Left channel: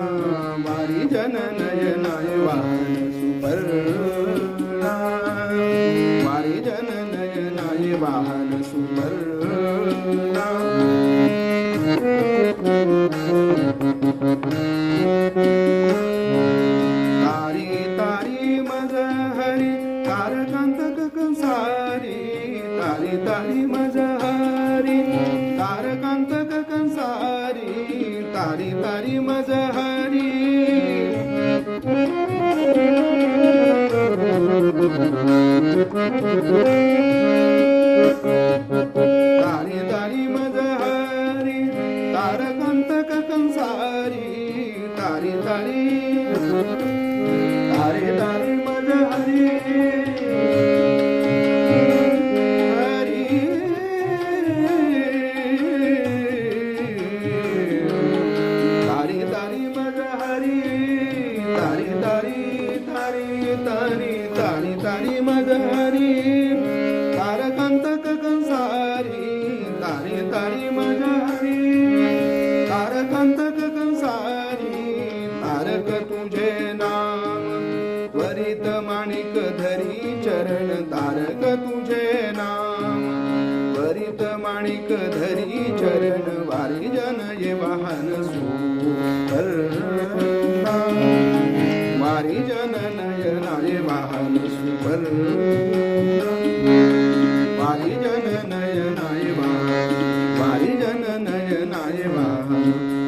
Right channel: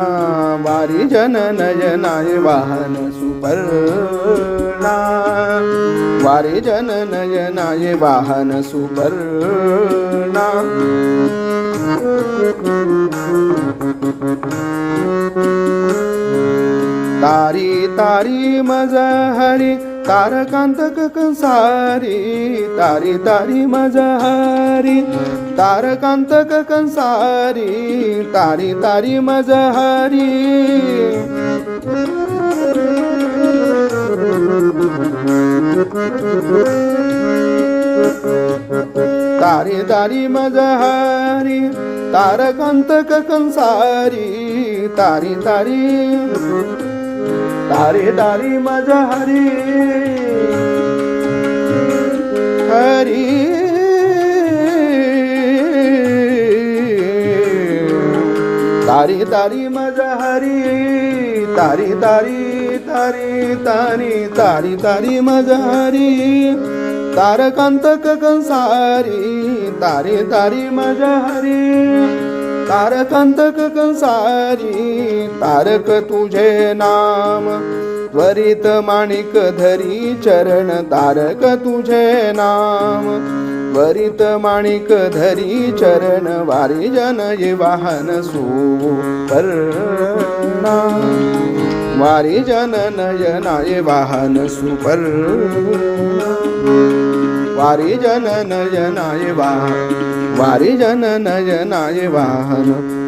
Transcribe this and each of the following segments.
वारी जन नयनाय वाहन सुपर्णा वारी जन नयनाय वाहन सुपर्णा तारी तारी मज हरी तारकांतक कंसारी तारी तारी मज हरी तारकांतक कंसारी तारी तारी मज हरी तारी तारी मज हरी तारकांतक कंसारी तारी तारी तारी तारी मज हरी हरी तारी तारी मज हरी तारी तारी तारी तारी तारी तारी मज हरी तारकांतक कंसारी तारी तारी मज हरी तारकांतक कंसारी तारक तुझे नाम त्वरित माणिक धरी चरण तारक तुझे नाम त्वरित माणिक धरी चरण वारी जन ये वाहन सुपर्णा वारी जन नयनाय वाहन सुपर्णा वारी जन नयनाय वाहन वारी जन नयनाय वाहन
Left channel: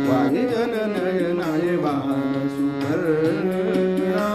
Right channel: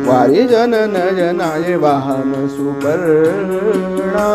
वारी जन नयनाय वाहन सुपर्णा